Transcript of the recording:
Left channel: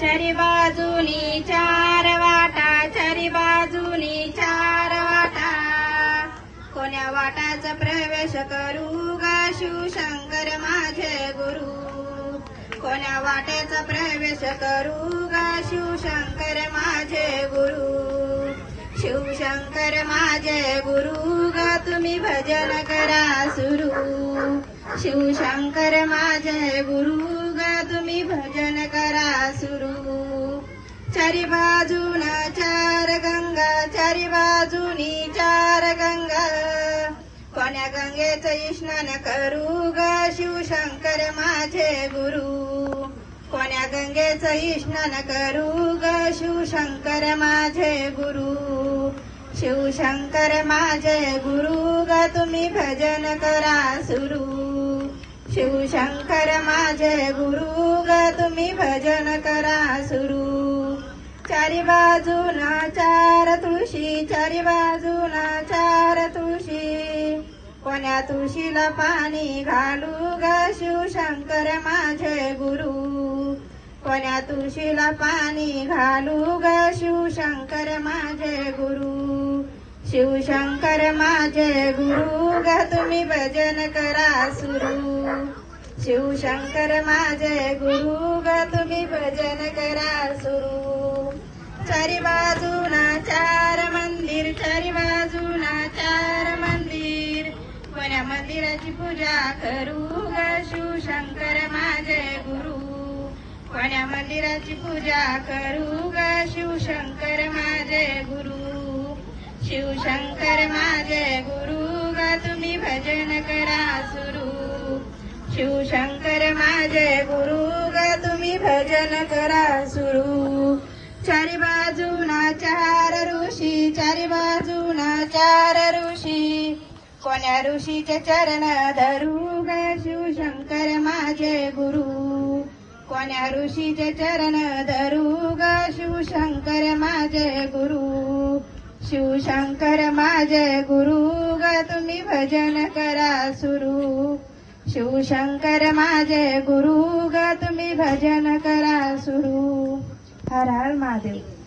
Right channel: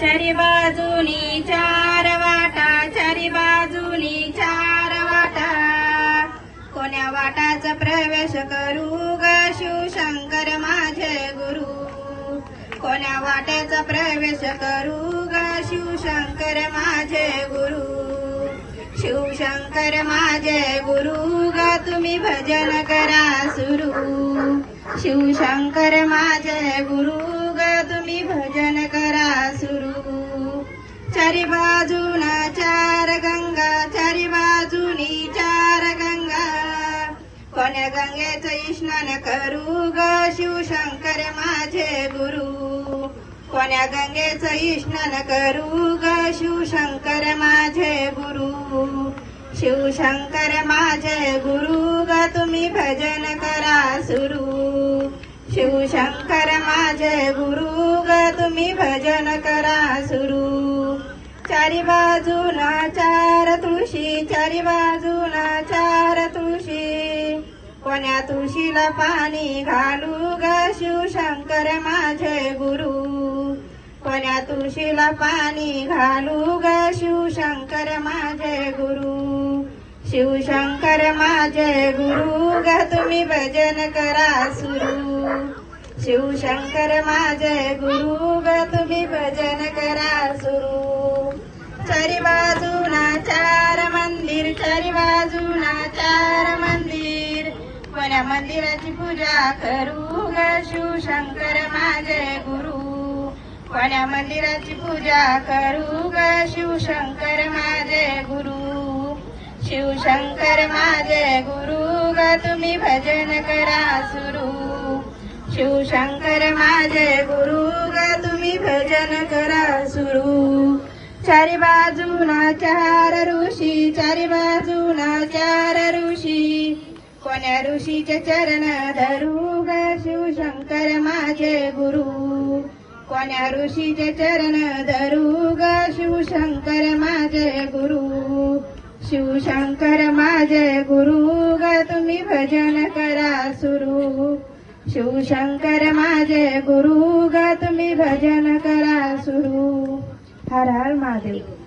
चारी बाजूनी चार वाटा, चारी बाजूनी चार वाटा, कोण्या वाटाचा प्रवेश करू ग शिवशंकर माझे गुरु, कोण्या वाट्याचा प्रवेश करू ग शिवशंकर माझे गुरु, शिवशंकर माझे गुरु ग तुम्ही भजन करा सुरू, शिवशंकर माझे गुरु ग तुम्ही भजन करा सुरू. चारी बाजूला चार गंगा, चारी बाजूनी चार गंगा, कोण्या गंगेचं स्नान करू ग शिवशंकर माझे गुरु, कोण्या गंगेचं स्नान करू ग शिवशंकर माझे गुरु, शिवशंकर माझे गुरु ग तुम्ही भजन करा सुरू, शिवशंकर माझे गुरु ग तुम्ही भजन करा सुरू. चारी बाजूला चार तुळशी, चारी बाजूला चार तुळशी, कोण्या तुळशीला पाणी घालू ग शिवशंकर माझे गुरु, कोण्या तुळशीला पाणी घालू ग शिवशंकर माझे गुरु, शिवशंकर माझे गुरु ग तुम्ही भजन करा सुरू, शिवशंकर माझे गुरु ग तुम्ही भजन करा सुरू. चारी बाजूला चार मंदिर, चारी बाजूला चार मंदिर, कोण्या मंदिराची पूजा करू ग शिवशंकर माझे गुरु, कोण्या मंदिराची पूजा करू ग शिवशंकर माझे गुरु, शिवशंकर माझे गुरु ग तुम्ही भजन करा सुरू, शिवशंकर माझे गुरु ग तुम्ही भजन करा सुरू. चारी बाजूला चार ऋषी, चारी बाजूला चार ऋषी, कोण्या ऋषीचे चरण धरू ग शिवशंकर माझे गुरु, कोण्या ऋषीचे चरण धरू ग शिवशंकर माझे गुरु, शिवशंकर माझे गुरु ग तुम्ही भजन करा सुरू, शिवशंकर माझे गुरु ग तुम्ही भजन करा सुरू. हर हर महादेव.